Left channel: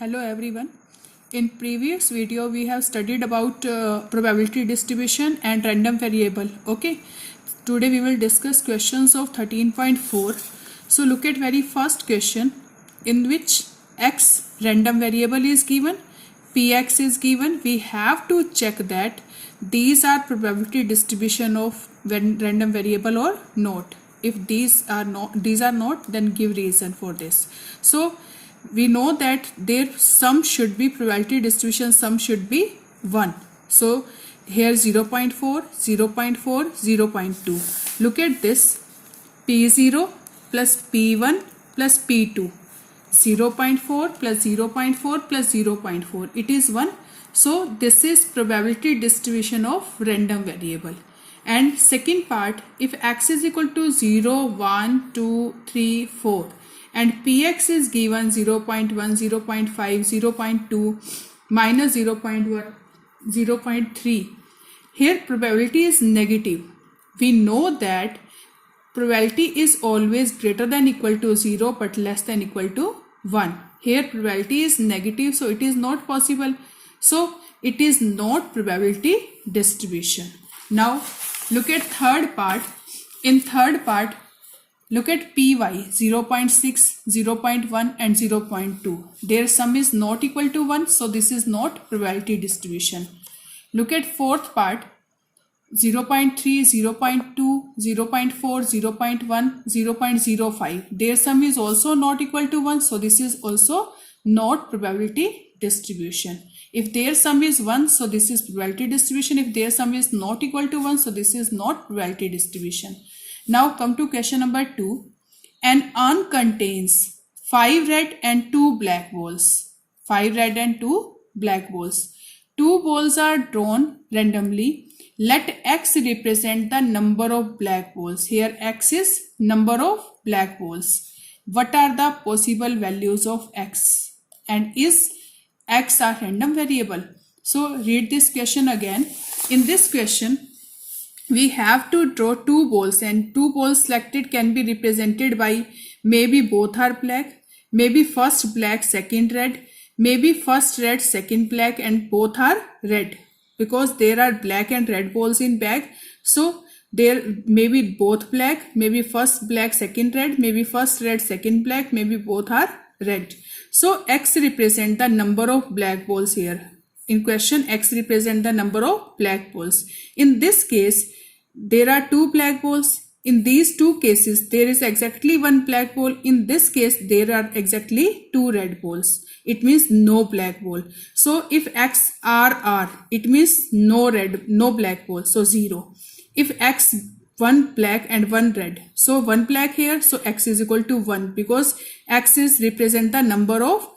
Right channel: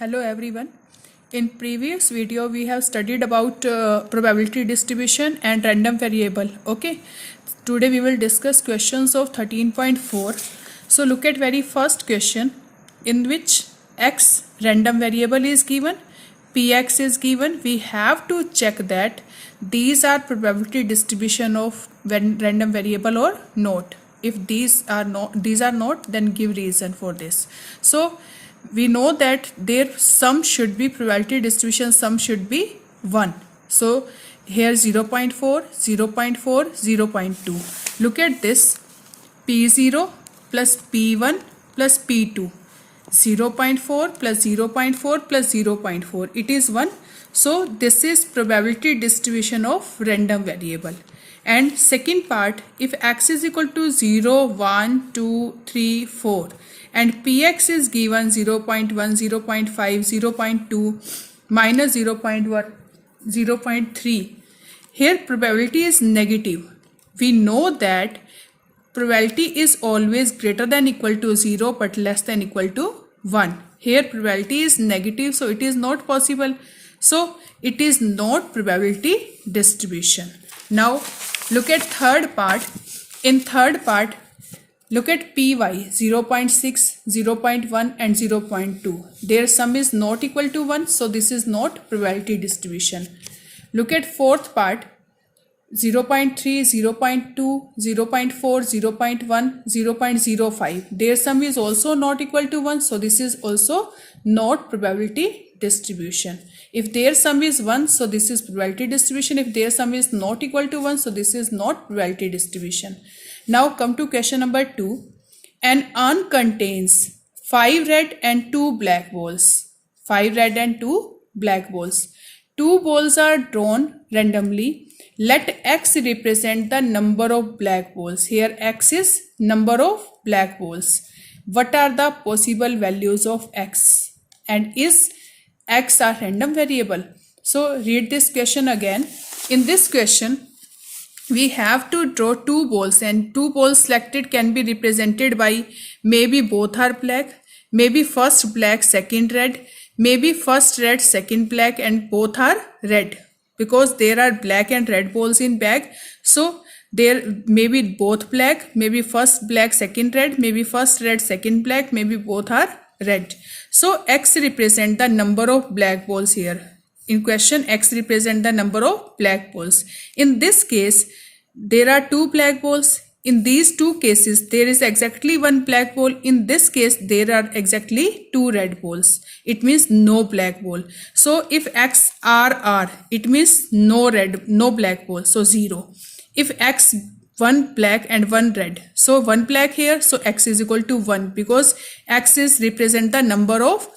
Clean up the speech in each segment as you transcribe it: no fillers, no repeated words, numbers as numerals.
Hello everyone. In previous video we have studied about probability distribution and random variable. Okay. Today we will discuss questions of 13.4. So look at very first question in which x random variable is given, px is given. We have to check that these are probability distribution of random variable or not. If these are not, then give reason for this. So we know that their sum should be probability distribution, sum should be 1. So here 0.4, 0.4, 0.2. Look at this, P0 plus P1 plus P2. 0.4 plus 0.4 plus 0.4. It is 1. So this is probability distribution of random variable. And second part, if x is equal to 0, 1, 2, 3, 4 and px is given 0.1, 0.5, 0.2, minus 0.1, 0.3. Here probability is negative. We know that probability is always greater than equal to 0 but less than equal to 1. Here probability is negative, so it is not possible. So it is not probability distribution. Now look at third part. In third part, look at py 0.6, 0.1 and 0.2. Their sum is not equal to 1, so this is not probability distribution. Look at fourth part, 0.3, 0.2, 0.4, 0.1, 0.05. Their sum is also not equal to 1, so this is also not probability distribution. If their sum is 1, so this is probability distribution. If their sum is not equal to 1, so this is not probability distribution. Now come to question number 2. An urn contains 5 red and 2 black balls. 5 red and 2 black balls. 2 balls are drawn randomly. Let x represent the number of black balls. Here x is number of black balls. What are the possible values of x? And is x a random variable? So read this question again. In this question, we have to draw 2 balls, and 2 balls selected can be represented by maybe both are black, maybe first black, second red, maybe first red, second black, and both are red, because there are black and red balls in bag. So there may be both black, maybe first black, second red, maybe first red, second black, maybe both are red. So x represent the number of black balls here. In question, x represent the number of black balls. In this case, there are 2 black balls. In these 2 cases, there is exactly 1 black ball. In this case, there are exactly 2 red balls. It means no black ball. So if x r, it means no red, no black ball. So 0. If x 1 black and 1 red, so 1 black here, so x is equal to 1, because x is represent the number of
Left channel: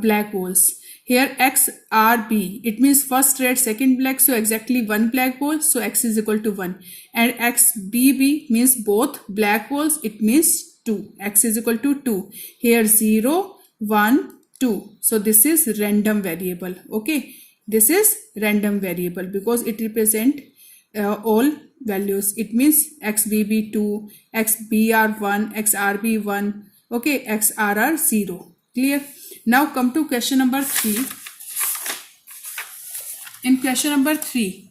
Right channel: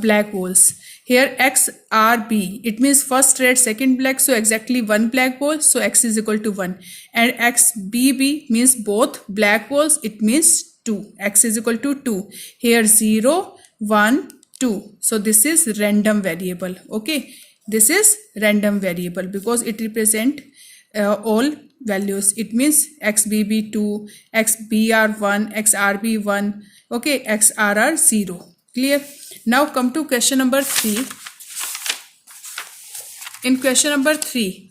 black balls. Here x r b, it means first red, second black, so exactly 1 black ball, so x is equal to 1. And x b b means both black balls, it means 2, x is equal to 2. Here 0, 1, 2, so this is random variable. Okay, this is random variable because it represent all values. It means xbb 2, xbr 1, xrb 1, okay, xrr 0. Clear? Now come to question number 3. In question number 3,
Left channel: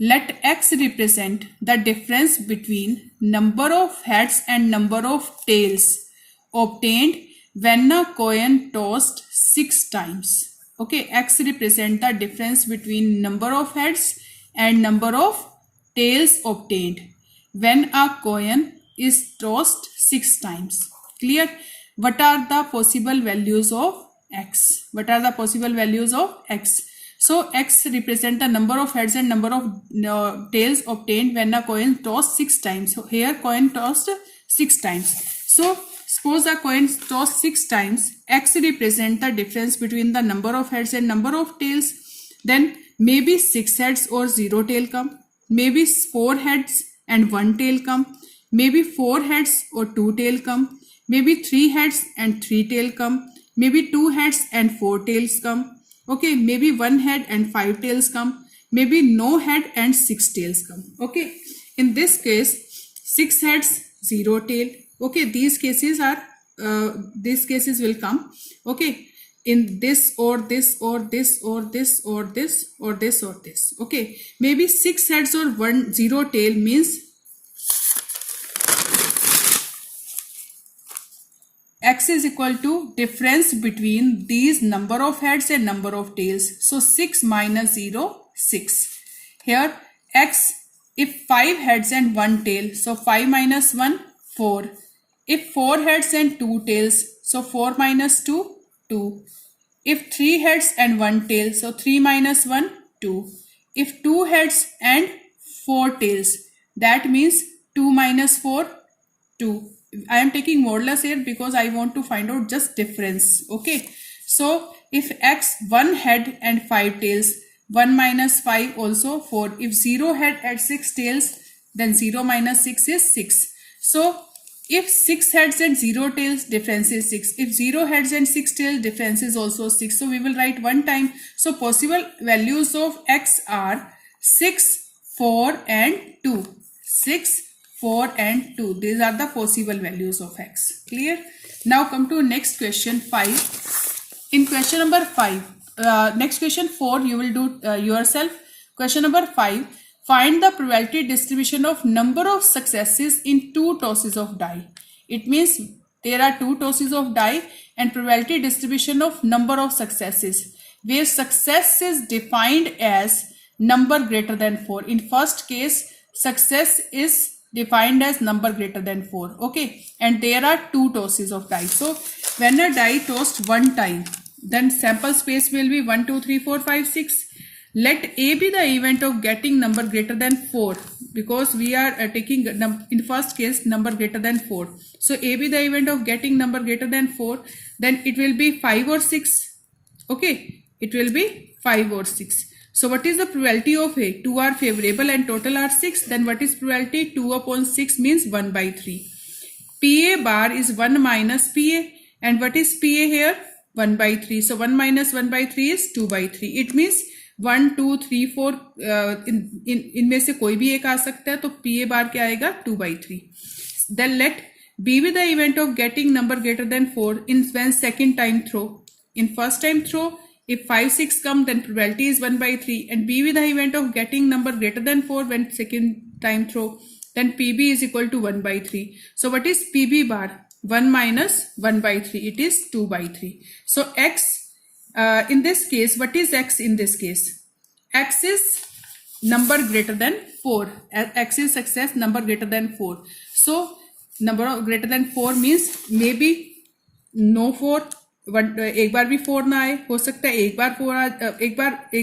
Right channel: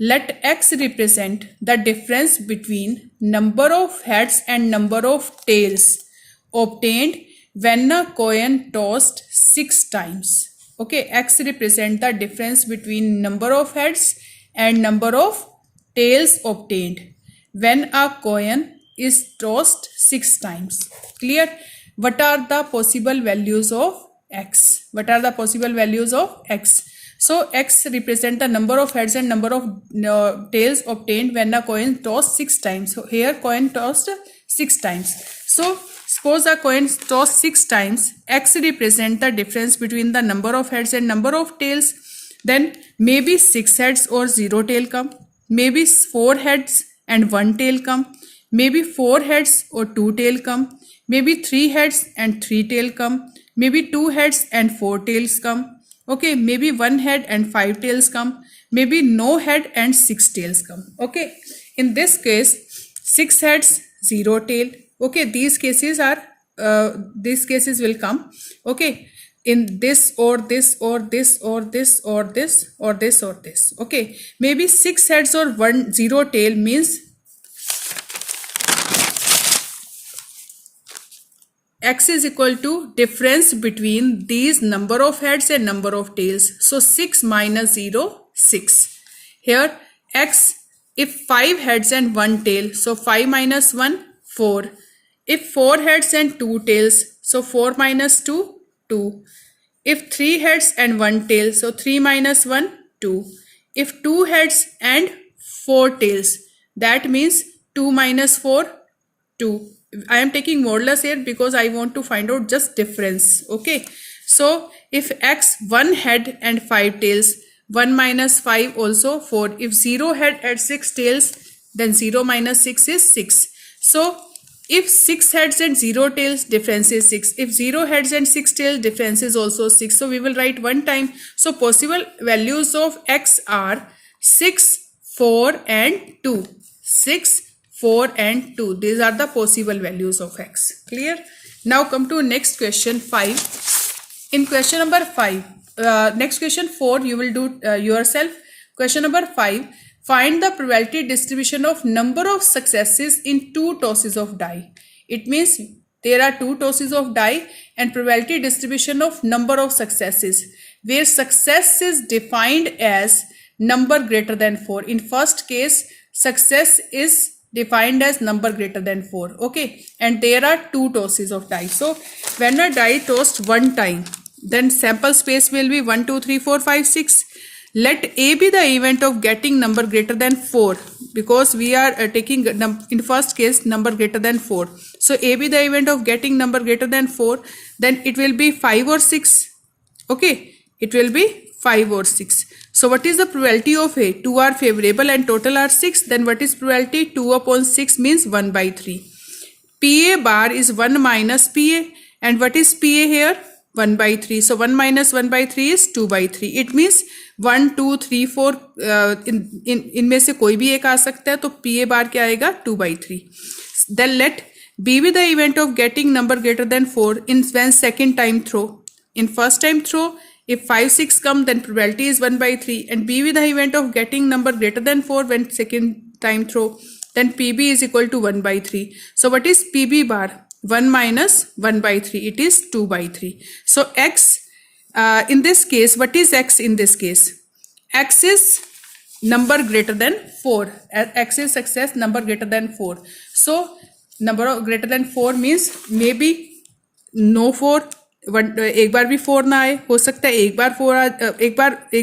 let x represent the difference between number of heads and number of tails obtained when a coin tossed 6 times. Okay, x represent the difference between number of heads and number of tails obtained when a coin is tossed 6 times. Clear? What are the possible values of x? What are the possible values of x? So x represent the number of heads and number of tails obtained when a coin tossed 6 times. So here coin tossed 6 times. So suppose a coin tossed 6 times, x represent the difference between the number of heads and number of tails. Then maybe 6 heads or 0 tail come. Maybe 4 heads and 1 tail come. Maybe 4 heads or 2 tail come. Maybe 3 heads and 3 tail come. Maybe 2 heads and 4 tails come. Okay, maybe 1 head and 5 tails come. Maybe no head and 6 tails come. Okay, in this case, 6 heads, 0 tail. Okay, these cases will come. Okay, in this or this or this or this or this or this or this. Okay, maybe 6 heads or 1 0 tail means x is equal to difference between these number of heads and number of tails. So 6 minus 0, 6. Here x, if 5 heads and 1 tail, so 5 minus 1, 4. If 4 heads and 2 tails, so 4 minus 2, 2. If 3 heads and 1 tail, so 3 minus 1, 2. If 2 heads and 4 tails, that means 2 minus 4, 2. I am taking modulus here because I want to find out just difference. Okay, so if x 1 head and 5 tails, 1 minus 5 also 4. If 0 head and 6 tails, then 0 minus 6 is 6. So if 6 heads and 0 tails, difference is 6. If 0 heads and 6 tails, difference is also 6. So we will write one time. So possible values of x are 6, 4 and 2. 6, 4 and 2. These are the possible values of x. Clear? Now come to next question 5. In question number 5, next question 4 you will do yourself. Question number 5. Find the probability distribution of number of successes in 2 tosses of die. It means there are 2 tosses of die and probability distribution of number of successes, where success is defined as number greater than 4. In first case, success is defined as number greater than 4. Okay, and there are 2 tosses of die. So when a die tossed one time, then sample space will be 1 2 3 4 5 6. Let A be the event of getting number greater than 4, because we are taking in first case number greater than 4. So A be the event of getting number greater than 4, then it will be 5 or 6. Okay, it will be 5 or 6. So what is the probability of A? 2 are favorable and total are 6. Then what is probability? 2 upon 6 means 1 by 3. PA bar is 1 minus PA. And what is PA here? 1 by 3. So 1 minus 1 by 3 is 2 by 3. It means 1 2 3 4 इनमें से कोई भी एक आ सकता है. तो PA बार क्या आएगा? 2 by 3. Then let B be the event of getting number greater than 4 in when second time throw. In first time throw, if 5 6 come, then probability is 1 by 3. And B be the event of getting number greater than 4 when second time throw, then PB is equal to 1 by 3. So what is PB bar? 1 minus 1 by 3. It is 2 by 3. So X in this case, what is X in this case? X is number greater than 4. X is success number greater than 4. So number greater than 4 means maybe no 4. एक बार भी 4 ना आए, हो सकता है एक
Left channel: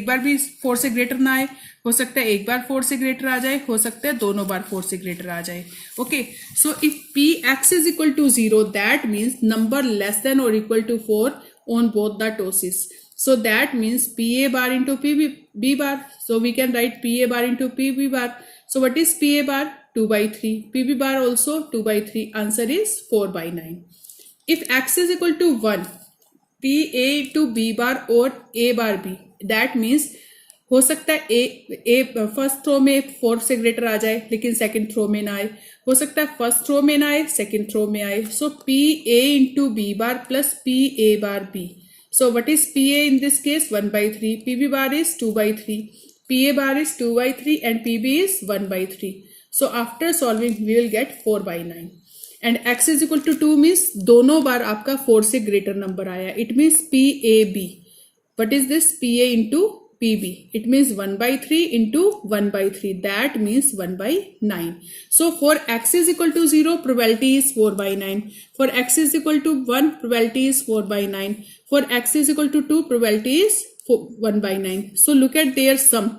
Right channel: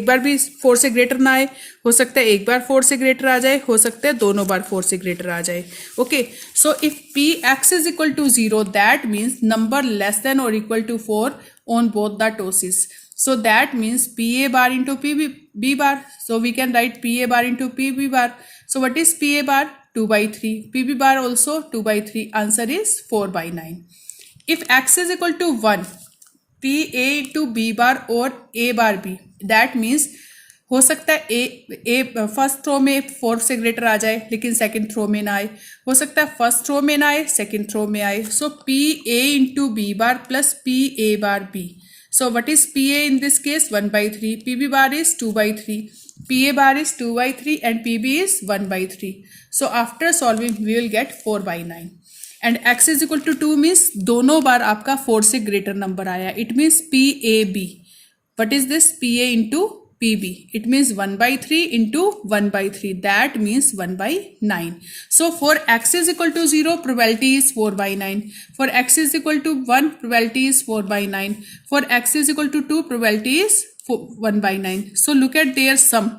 बार भी 4 से ग्रेटर ना आए, हो सकता है एक बार 4 से ग्रेटर आ जाए, हो सकता है दोनों बार 4 से ग्रेटर आ जाए. Okay, so if Px is equal to 0, that means number less than or equal to 4 on both the tosses. So that means PA bar into PB bar. So we can write PA bar into PB bar. So what is PA bar? 2 by 3. PB bar also 2 by 3. Answer is 4 by 9. If X is equal to 1, PA into B bar or A bar B, that means हो सकता है ए first throw में 4 से greater आ जाए लेकिन second throw में ना आए, हो सकता है फर्स्ट थ्रो में ना आए सेकंड थ्रो में आए. So P A into B bar plus P A bar B. So what is P A in this case? 1 by 3. P B bar is 2 by 3. P A bar is 2 by 3 and P B is 1 by 3. So after solving we will get 4 by 9. And x is equal to 2 means दोनों बार आपका 4 से greater number आया. It means P A B. What is this? P A into PB. It means 1 by 3 into 1 by 3. That means 1 by 9. So for x is equal to 0, probability is 4 by 9. For x is equal to 1, probability is 4 by 9. For x is equal to 2, probability is 1 by 9. So look at their sum.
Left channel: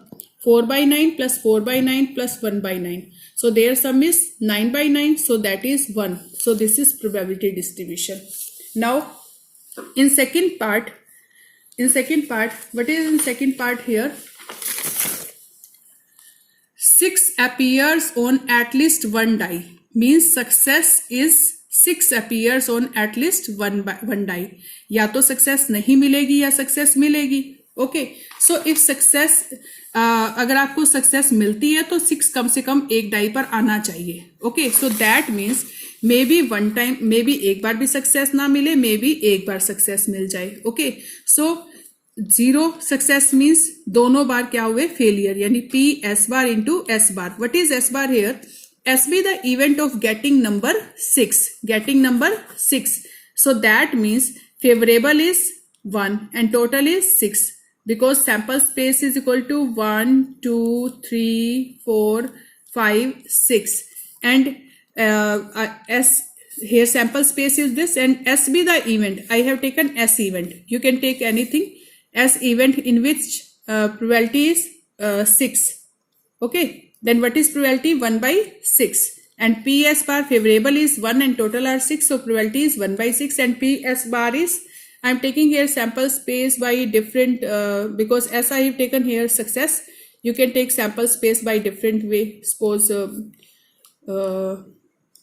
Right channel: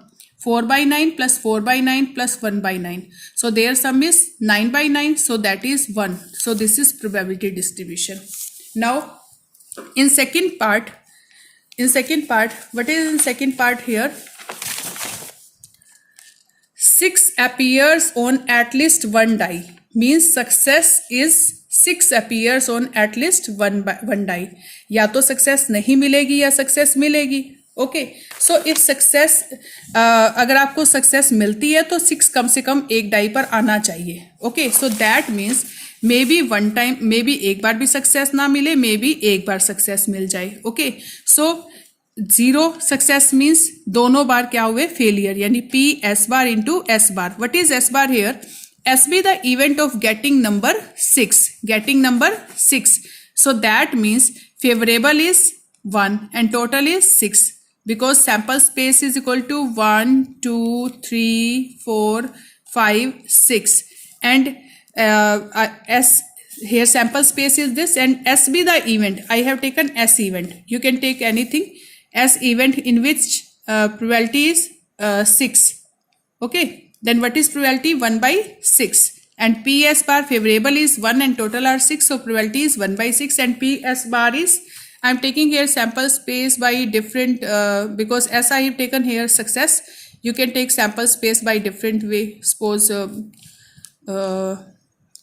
4 by 9 plus 4 by 9 plus 1 by 9. So their sum is 9 by 9. So that is 1. So this is probability distribution. Now in second part, what is in second part here? 6 appears on at least one die means success is 6 appears on at least one die. या तो success नहीं मिलेगी या success मिलेगी. Okay, so if success अगर आपको success मिलती है तो 6 कम से कम एक डाई पर आना चाहिए. Okay, so that means may be one time, may be एक बार भी सक्सेस ना मिले, मे बी एक बार सक्सेस मिल जाए. ओके, सो 0 सक्सेस मीन्स दोनों बार क्या हुए, फेलियर, यानी P S bar into S bar. What is S bar here? S be the event of getting number 6, getting number 6. So that means favorable is 1 and total is 6, because sample space is equal to 1 2 3 4 5 6, and S here sample space is this, and S be the event. I have taken S event. You can take anything. S event in which probability is 6. Okay, then what is probability? 1 by 6, and PS bar favorable is 1 and total are 6, so probability is 1 by 6, and PS bar is, I am taking here sample space by different, because as I have taken here success, you can take sample space by different way. Suppose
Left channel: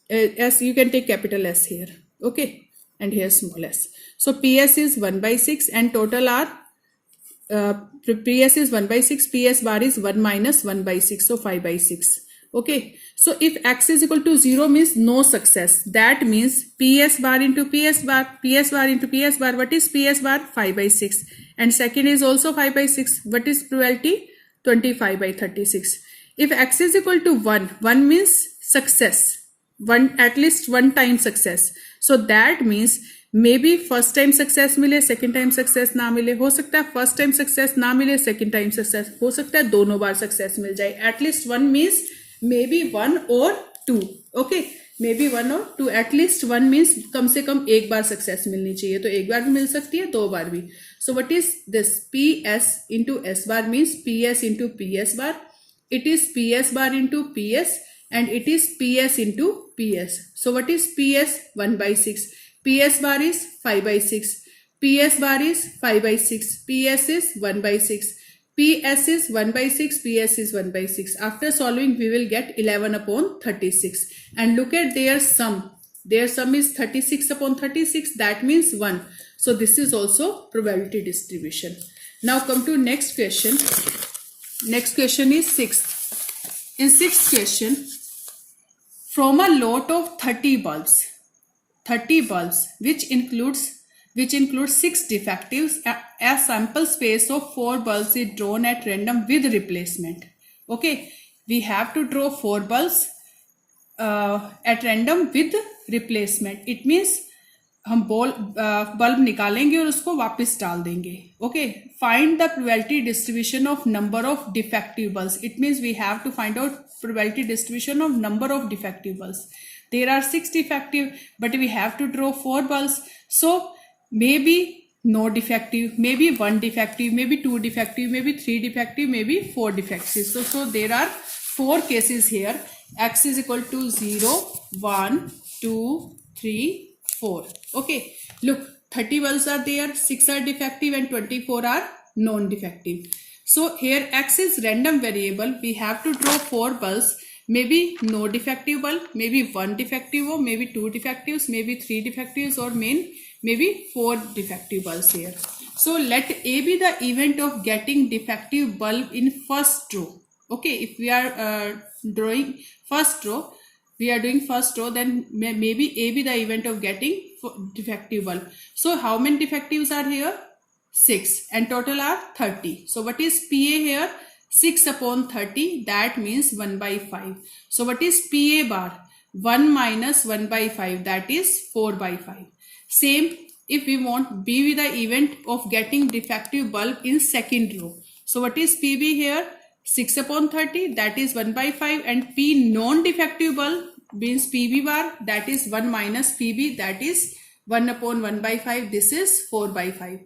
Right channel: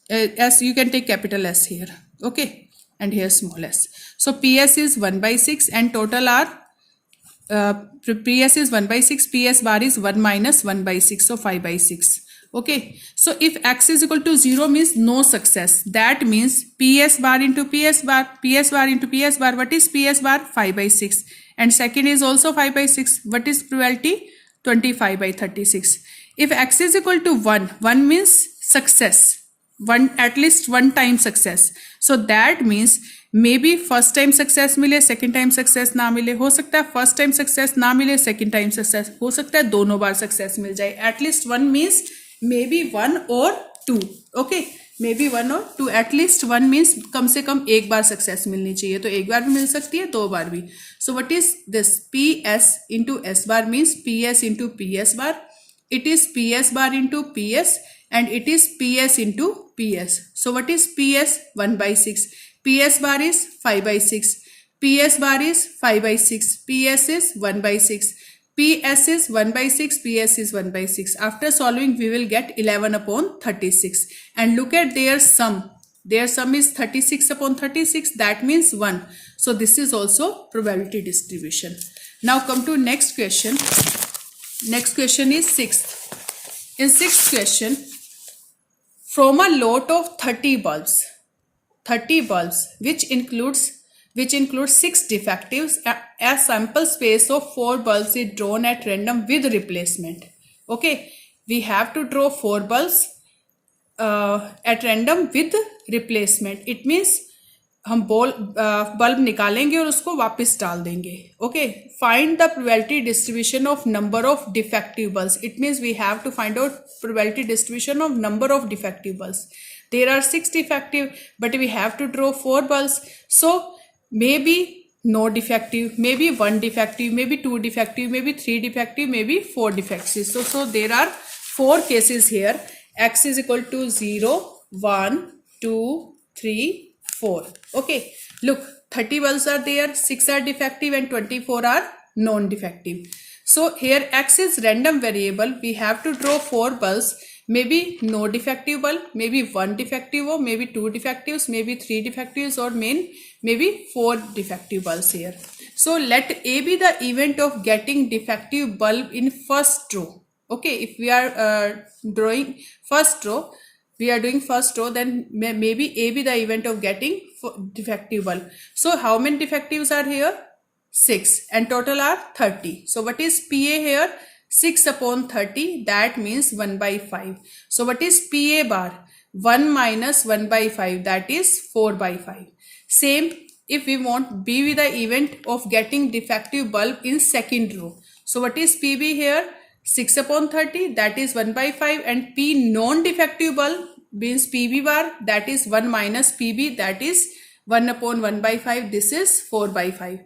S, you can take capital S here. Okay, and here small s. So PS is 1 by 6 and total are PS is 1 by 6, PS bar is 1 minus 1 by 6, so 5 by 6. Okay, so if X is equal to 0 means no success. That means PS bar into PS bar, PS bar into PS bar. What is PS bar? 5 by 6. And second is also 5 by 6. What is probability? 25 by 36. If X is equal to 1, 1 means success. One, at least one time success. So that means may be first time success मिले, second time success ना मिले. हो सकता है first time success ना मिले, second time success, हो सकता है दोनों बार सक्सेस मिल जाए. At least one means may be 1 और 2. ओके, मे बी 1 और 2, एटलीस्ट 1 मीन्स कम से कम एक बार सक्सेस मिलनी चाहिए. तो एक बार भी मिल सकती है, 2 बार भी. सो what is this? P S into S bar means P S into P S bar. It is P S bar into P S and it is PS into PS. So what is PS? 1 by 6. PS bar is 5 by 6. PS bar is 5 by 6. PS is 1 by 6. PS is 1 by 6. PS is 1 by 6. After solving, we will get 11 upon 36. And look at their sum. Their sum is 36 upon 36. That means 1. So this is also probability distribution. Now come to next question. Next question is 6th. In 6th question, from a lot of 30 bulbs which includes 6 defectives, a sample space of 4 bulbs is drawn at random with replacement. Okay, we have to draw 4 bulbs at random with replacement. It means हम bulb निकालेंगे और उसको वापस डाल देंगे. Okay, find the probability distribution of number of defective bulbs. It means we have to find out probability distribution of number of defective bulbs. There are 6 defective but we have to draw 4 bulbs. So maybe no defective, maybe 1 defective, maybe 2 defective, maybe 3 defective, maybe 4 defective. So there are 4 cases here. X is equal to 0, 1, 2, 3, 4. Okay, look, 30 bulbs are there, 6 are defective and 24 are non-defective. So here X is random variable. We have to draw 4 bulbs. Maybe no defective bulb, maybe 1 defective, or maybe 2 defectives, maybe 3 defectives, or maybe 4 defective bulbs here. So let A be the event of getting defective bulb in first row. Okay, if we are drawing first row, we are doing first row, then maybe A be the event of getting defective bulb. So how many defectives are here? 6, and total are 30. So what is PA here? 6 upon 30, that means 1 by 5. So what is PA bar? 1 minus 1 by 5, that is 4 by 5. Same, if we want B be the event of getting defective bulb in second row. So what is PB here? 6 upon 30, that is 1 by 5, and P non-defective bulb means PB bar, that is 1 minus PB, that is 1 upon 1 by 5, this is 4 by 5.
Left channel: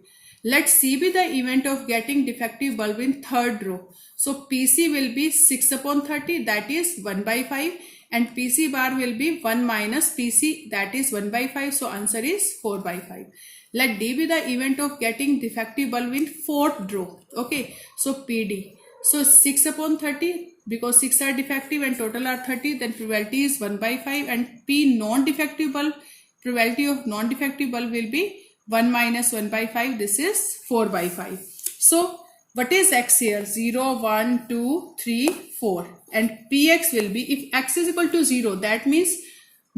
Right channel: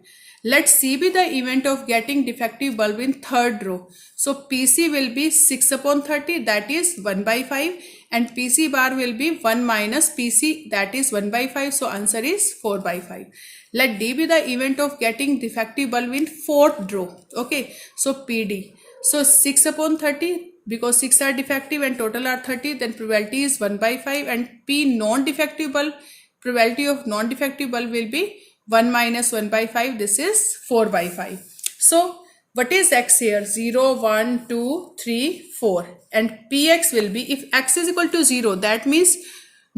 Let C be the event of getting defective bulb in third row. So PC will be 6 upon 30, that is 1 by 5, and PC bar will be 1 minus PC, that is 1 by 5, so answer is 4 by 5. Let D be the event of getting defective bulb in fourth row. Okay, so PD. So 6 upon 30, because 6 are defective and total are 30, then probability is 1 by 5, and P non-defective bulb, probability of non-defective bulb will be 1 minus 1 by 5, this is 4 by 5. So what is X here? 0, 1, 2, 3, 4, and Px will be, if X is equal to 0, that means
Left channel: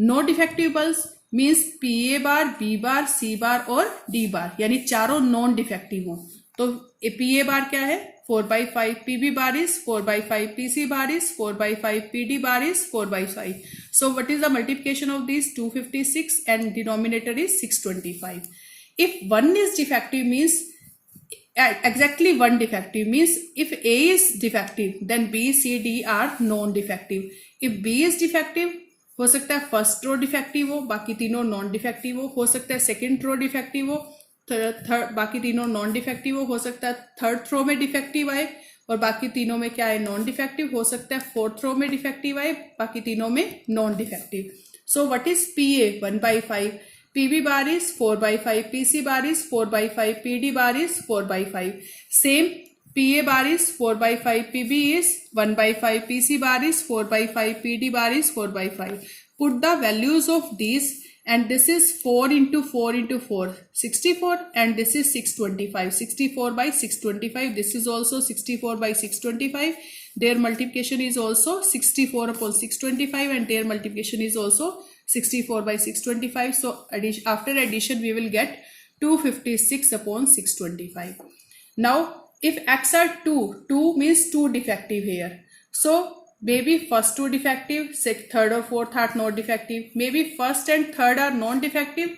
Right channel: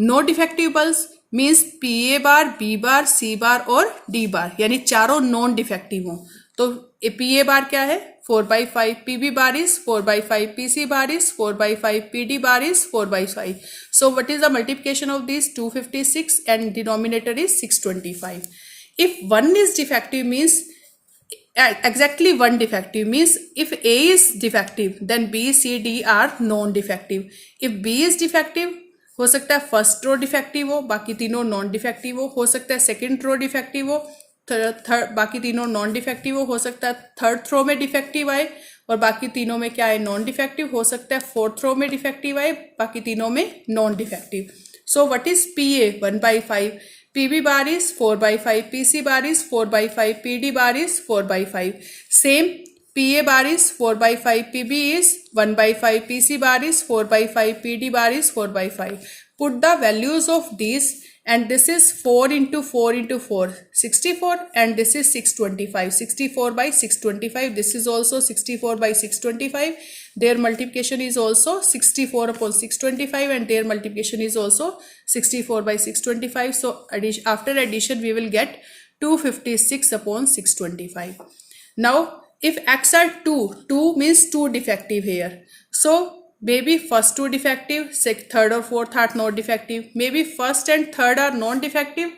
no defective pulse means P A bar, B bar, C bar और D बार, यानी चारों non defective हों। तो P A बार क्या है 4/5, P B bar is 4/5, P C bar is 4/5, P D bar is 4/5. So what is the multiplication of these? 256 and denominator is 625. If one is defective means exactly one defective means if A is defective then B, C, D are non-defective. If B is defective हो सकता है first row defective हो, बाकी तीनों non defective हो सकता है second row defective हो, बाकी तीनों नॉन डिफेक्टिव हो सकता है थर्ड रो में डिफेक्टिव आए और बाकी तीनों में क्या है नॉन डिफेक्टिव, हो सकता है फोर्थ रो में डिफेक्टिव आए, बाकी तीनों में non defective. So what is P A 1/5, P B bar is 4/5, P C bar is 4/5, P D bar is 4/5. Same P A bar is 4/5, P B is 1/5, P C bar is 4/5, P D bar is 4/5. Put the values of these and this is 4 into 4 into 4, 64 and this is 625, 64/625. This is also 64/625. Their multiplication is also 64/625 and their multiplication is also 64/625. So after addition we will get 256/625. Now if x are 2 means 2 defective here. So maybe first 2 defective, third or fourth are not defective. Maybe first and third are non-defective,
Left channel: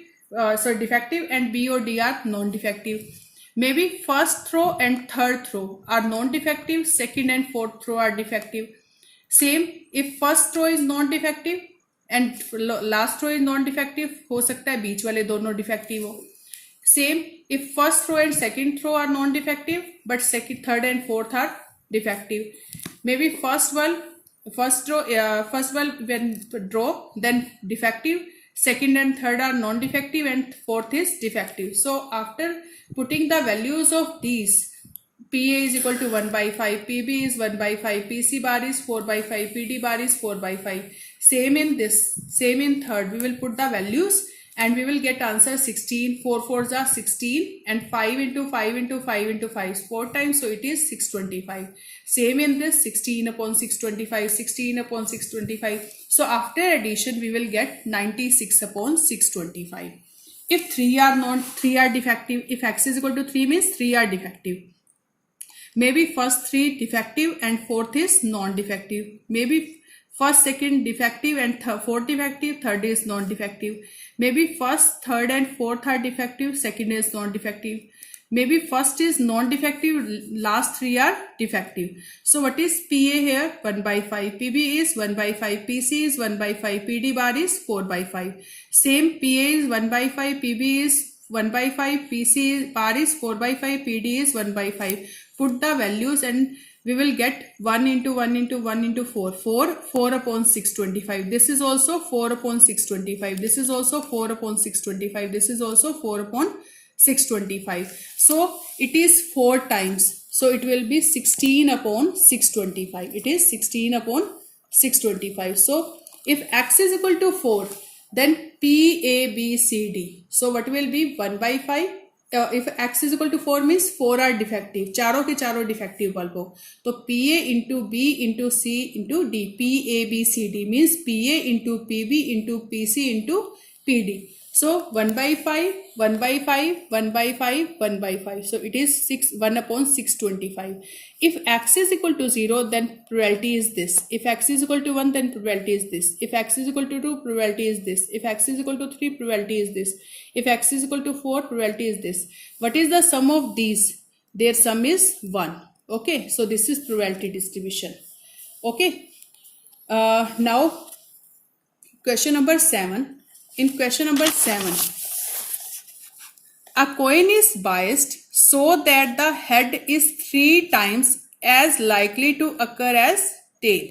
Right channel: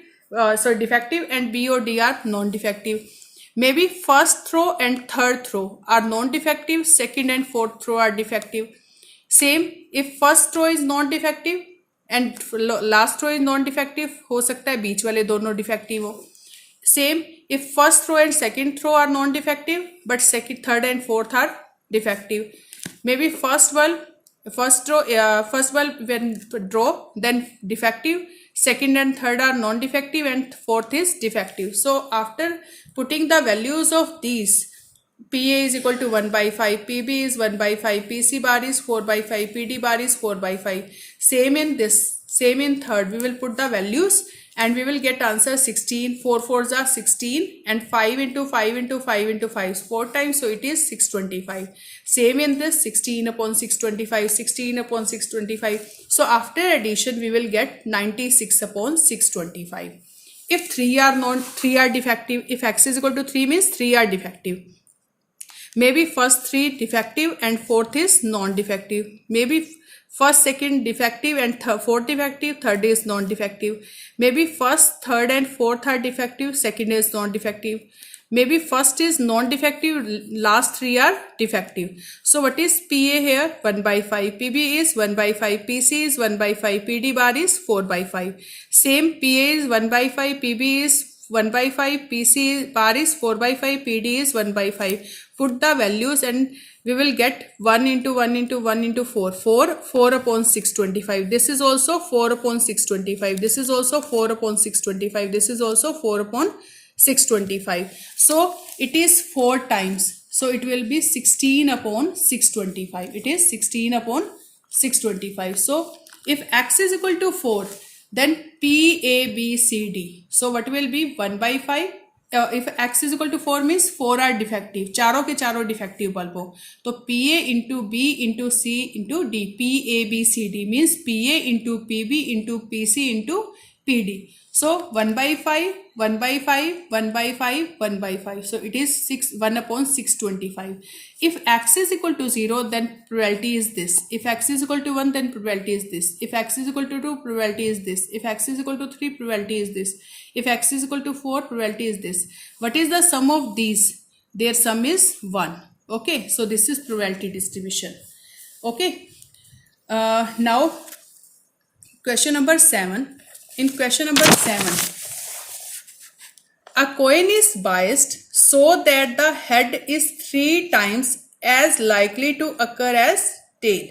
defective, and B or D are non-defective. Maybe first row and third row are non-defective, second and fourth row are defective. Same if first row is non-defective and last row is non-defective, हो सकता है बीच वाले दोनों defective हो. Same if first row and second row are non-defective but second, third and fourth are defective. Maybe first row when draw then defective, second and third are non-defective and fourth is defective. So after putting the values of these, PA is equal to 1/5, PB is 1/5, PC bar is 4/5, PD bar is 4/5. Same in this, same in third, we will put the values and we will get answer 16, 4 4s are 16 and 5 into 5 into 5 into 5 4 times, so it is 625. Same in this 16/625, 16/625. So after addition we will get 96/625. If 3 are defective, if x is equal to 3 means 3 are defective. Maybe first 3 defective and fourth is non-defective. Maybe first, second defective and fourth defective, third is non-defective. Maybe first, third and fourth are defective, second is non-defective. Maybe first is non-defective, last 3 are defective. So what is PA here? 1/5, PB is 1/5, PC is 1/5, PD bar is 4/5. Same PA is 1/5, PB is 1/5, PC bar is 4/5, PD is 1/5. Put the values and we will get 1 into 1 into 1 into 4, 4/625. This is also 4/625. This is also 4/625. This is also 4/625. So it is 4 times. So it will be 16/625. It is 16/625. So if x is equal to 4, then P, A, B, C, D. So what will be 1/5? If x is equal to 4 means 4 are defective, चारों के चारों defective bulb हो, तो PA into B into C into D, PABCD means PA into PB into PC into PD. So 1/5, 1/5, 1/5, 1/5. So it is 1/625. If x is equal to 0, then probability is this. If x is equal to 1, then probability is this. If x is equal to 2, probability is this. If x is equal to 3, probability is this. If x is equal to 4, probability is this. What is the sum of these? Their sum is 1. Okay, so this is probability distribution. Okay, now question number 7. In question number 7, a coin is biased so that the head is 3 times as likely to occur as tail.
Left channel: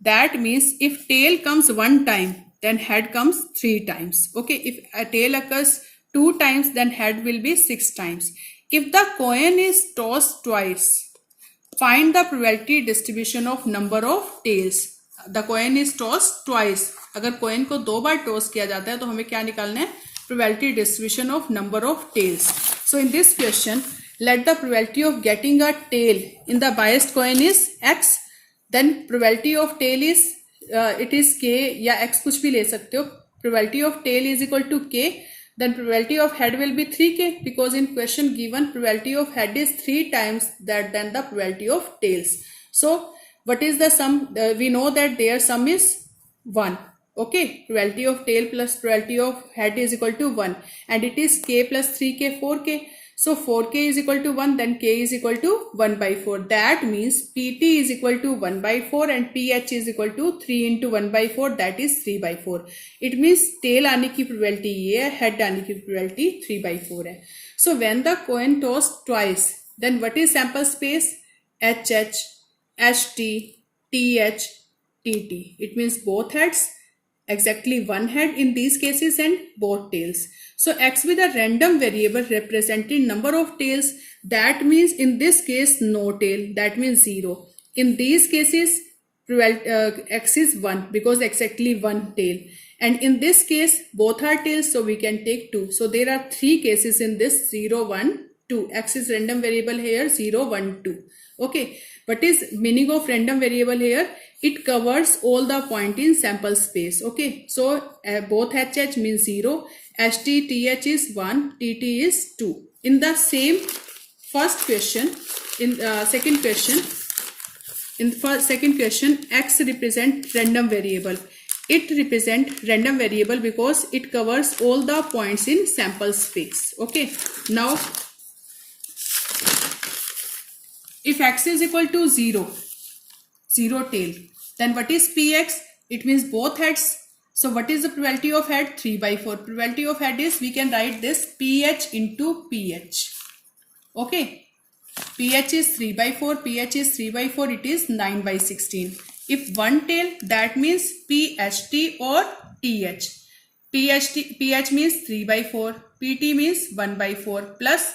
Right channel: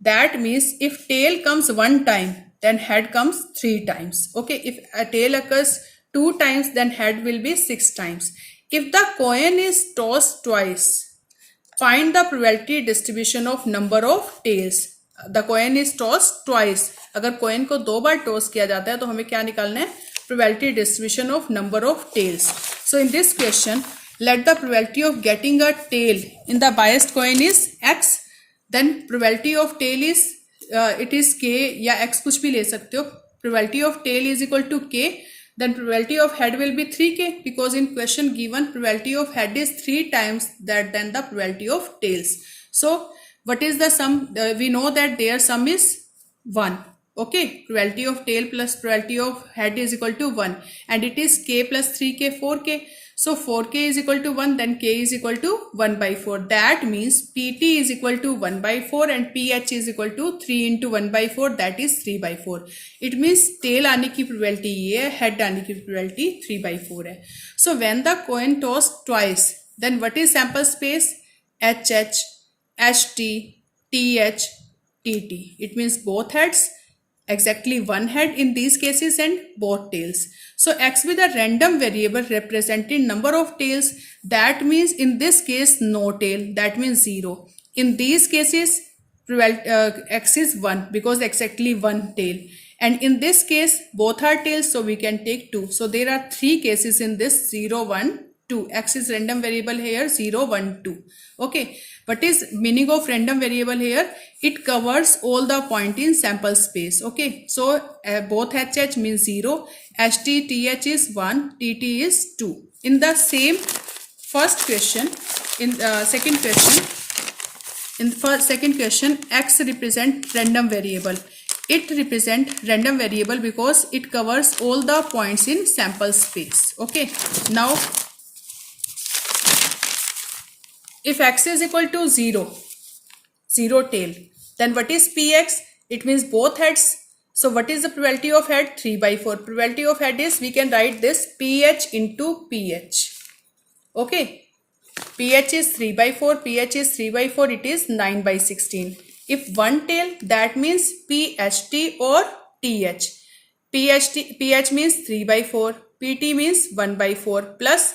That means if tail comes 1 time, then head comes 3 times. Okay, if a tail occurs 2 times, then head will be 6 times. If the coin is tossed twice, find the probability distribution of number of tails. The coin is tossed twice. अगर coin को 2 बार toss किया जाता है तो हमें क्या निकालना है? Probability distribution of number of tails. So in this question, let the probability of getting a tail in the biased coin is x. Then probability of tail is it is k या x कुछ भी ले सकते हो. probability of tail is equal to k, then probability of head will be 3k, because in question given probability of head is 3 times that than the probability of tails. So what is the sum? We know that their sum is 1. Okay, probability of tail plus probability of head is equal to 1, and it is k plus 3k 4k. So 4k is equal to 1, then k is equal to 1 by 4. That means pt is equal to 1 by 4 and ph is equal to 3 into 1 by 4, that is 3 by 4. It means tail आने की probability ये है, head आने की probability 3 by 4 है. So when the coin tossed twice, then what is sample space? HH, HT, TH, TT. It means both heads, exactly one head in these cases, and both tails. So x with a random variable representing number of tails, that means in this case no tail, that means 0. In these cases x is 1 because exactly one tail, and in this case both are tails, so we can take 2. So there are 3 cases in this 0, 1, 2. X is random variable here, 0, 1, 2. Okay, what is meaning of random variable here? It covers all the point in sample space. Okay, so both HH means 0, HT, TH is 1, TT is 2. In the same first question, in second question, in the second question, X represent random variable. It represent random variable because it covers all the points in sample space. Okay, now if x is equal to 0, 0 tail, then what is px? It means both heads. So what is the probability of head? 3 by 4. Probability of head is, we can write this ph into ph. Okay, ph is 3 by 4, ph is 3 by 4, it is 9 by 16. If one tail, that means pht or th. ph means 3 by 4, pt means 1 by 4, plus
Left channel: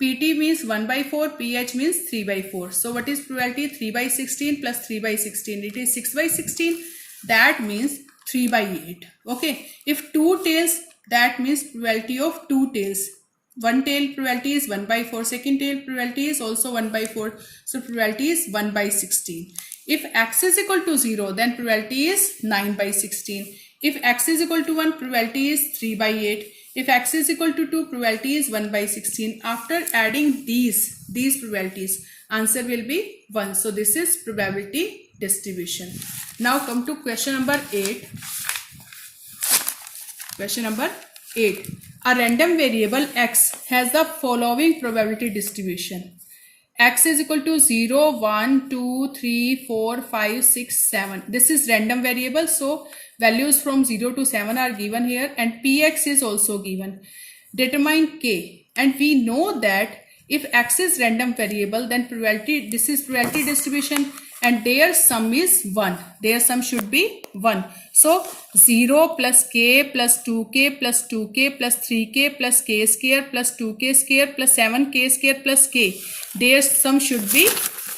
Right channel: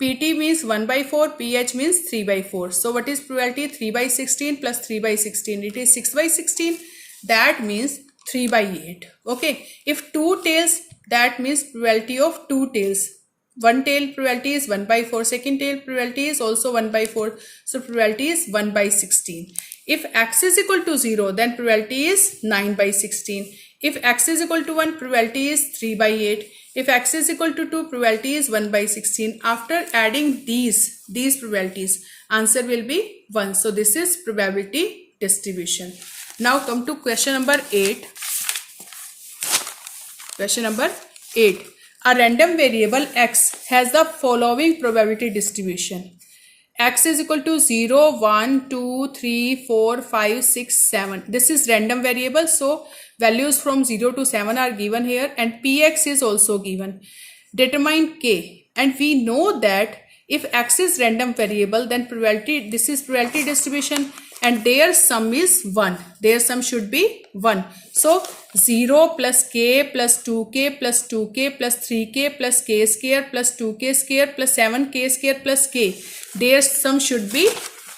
pt means 1 by 4, ph means 3 by 4. So what is probability? 3 by 16 plus 3 by 16, it is 6 by 16. That means 3 by 8. Okay, if 2 tails, that means probability of 2 tails. One tail probability is 1 by 4, second tail probability is also 1 by 4. So probability is 1 by 16. If x is equal to 0, then probability is 9 by 16. If x is equal to 1, probability is 3 by 8. If x is equal to 2, probability is 1 by 16. After adding these probabilities, answer will be 1. So this is probability distribution. Now come to question number 8. Question number 8. A random variable x has the following probability distribution. X is equal to 0, 1, 2, 3, 4, 5, 6, 7. This is random variable, so values from 0 to 7 are given here, and px is also given. Determine k, and we know that if x is random variable, then probability, this is probability distribution, and their sum is 1. Their sum should be 1. So 0 plus k plus 2k plus 2k plus 3k plus k square plus 2k square plus 7k square plus k. Their sum should be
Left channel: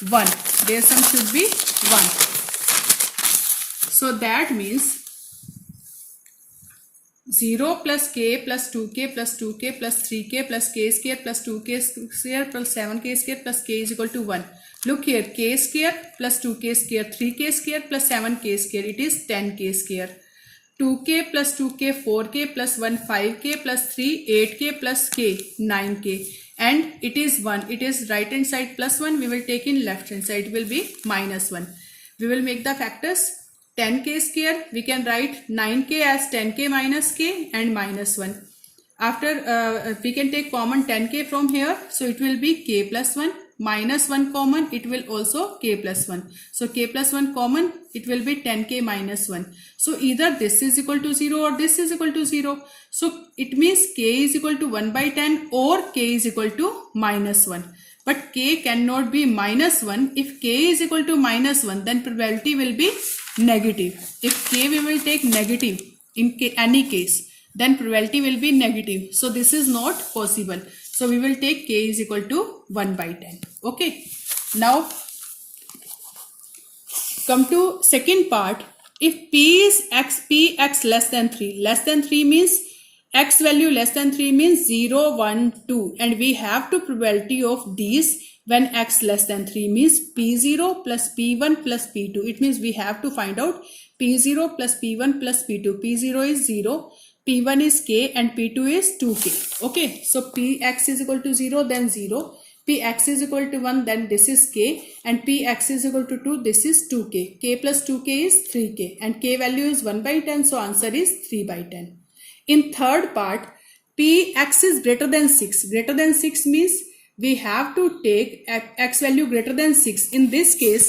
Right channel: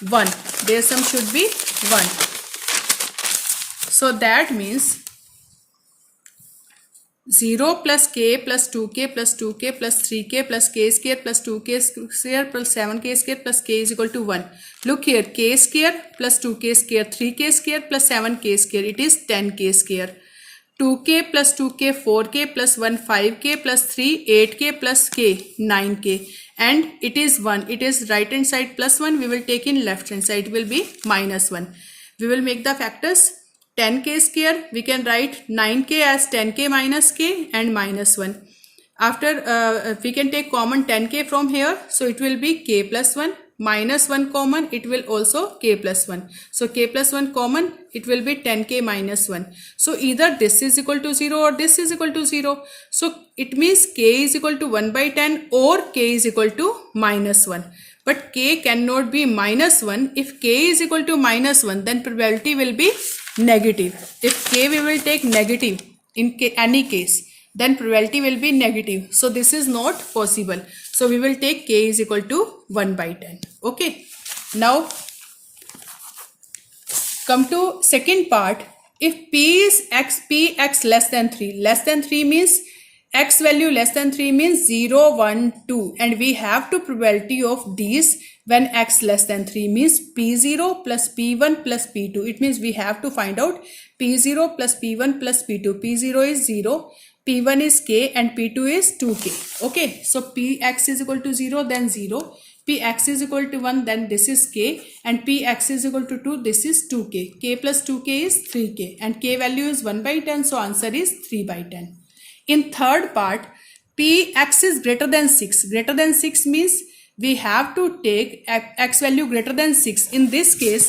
1. Their sum should be 1. So that means 0 plus k plus 2k plus 2k plus 3k plus k square plus 2k square plus 7k square plus k is equal to 1. Look here, k square plus 2k square, 3k square plus 7k square, it is 10k square. 2k plus 2k, 4k plus 1, 5k plus 3, 8k plus k, 9k. And it is 1. It is right hand side plus 1. We will take in left hand side. It will be minus 1. We will make the factors. 10k square, we can write 9k as 10k minus k and minus 1. After we can take common 10k from here. So it will be k plus 1. Minus 1 common, it will also k plus 1. So k plus 1 common, it will be 10k minus 1. So either this is equal to 0 or this is equal to 0. So it means k is equal to 1 by 10 or k is equal to minus 1. But k cannot be minus 1. If k is equal to minus 1, then probability will be negative. If k we will take negative in any case, then probability will be negative. So this is not possible. So we will take k is equal to 1 by 10. Okay. Now come to second part. If p is x, p x less than 3. Less than 3 means x value less than 3 means 0, 1, 2, and we have to probability of these when x less than 3 means p0 plus p1 plus p2. It means we have to find out p0 plus p1 plus p2. p0 is 0, p1 is k, and p2 is 2k. Okay, so px is equal to 0, then 0. Px is equal to 1, then this is k, and px is equal to 2, this is 2k. K plus 2k is 3k, and k value is 1 by 10, so answer is 3 by 10. In third part, px is greater than 6. Greater than 6 means we have to take x value greater than 6. In this case,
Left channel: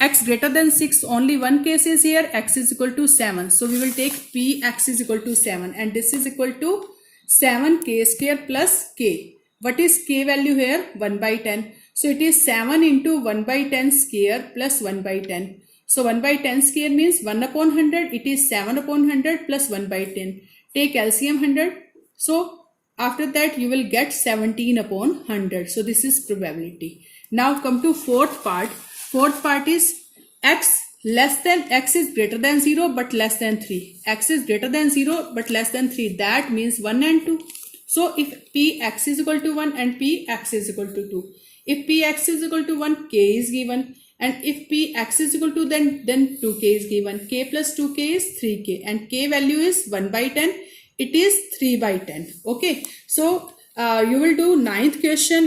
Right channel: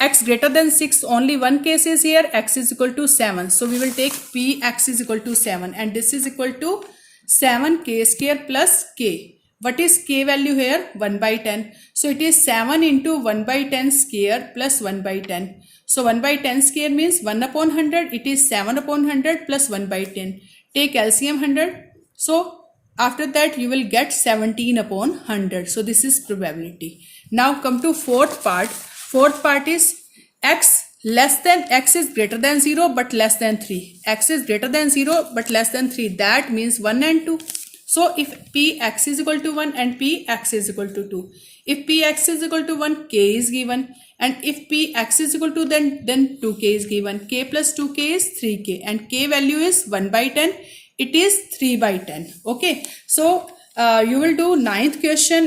x greater than 6, only one case is here, x is equal to 7. So we will take px is equal to 7, and this is equal to 7k square plus k. What is k value here? 1 by 10. So it is 7 into 1 by 10 square plus 1 by 10. So 1 by 10 square means 1 upon 100. It is 7 upon 100 plus 1 by 10. Take LCM 100. So after that you will get 17 upon 100. So this is probability. Now come to fourth part. Fourth part is x is greater than 0 but less than 3. X is greater than 0 but less than 3. That means 1 and 2. So if px is equal to 1 and px is equal to 2. If px is equal to 1, k is given. And if px is equal to then 2k is given. K plus 2k is 3k, and k value is 1 by 10. It is 3 by 10. Okay. So you will do ninth question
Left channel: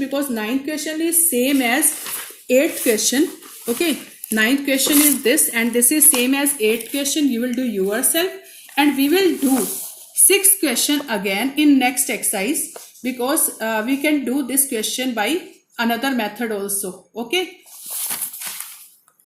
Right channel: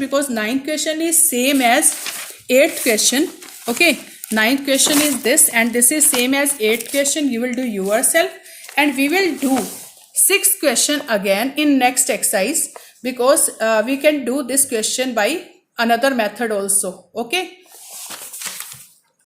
because ninth question is same as 8th question. Okay. Ninth question is this, and this is same as 8th question. You will do yourself, and we will do 6th question again in next exercise, because we can do this question by another method also. Okay.